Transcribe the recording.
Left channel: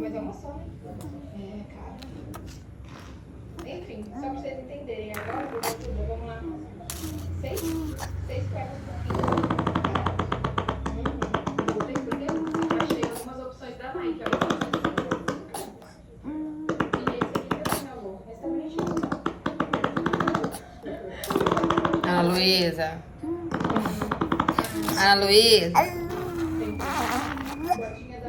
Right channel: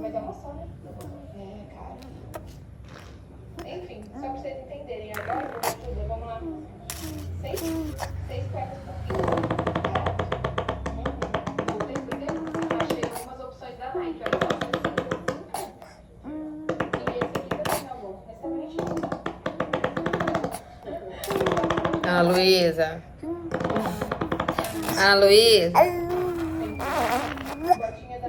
Mas é uma só, né? É, cara. Enfim, só pra vocês entenderem. Agora eu vou receber, vamos lá. 6 peças por quilo. Vou receber. Achei algumas opções da Nike. Olha só. E esse aqui que você falou. Restaurante. A Luísa. A Luísa. Botinha da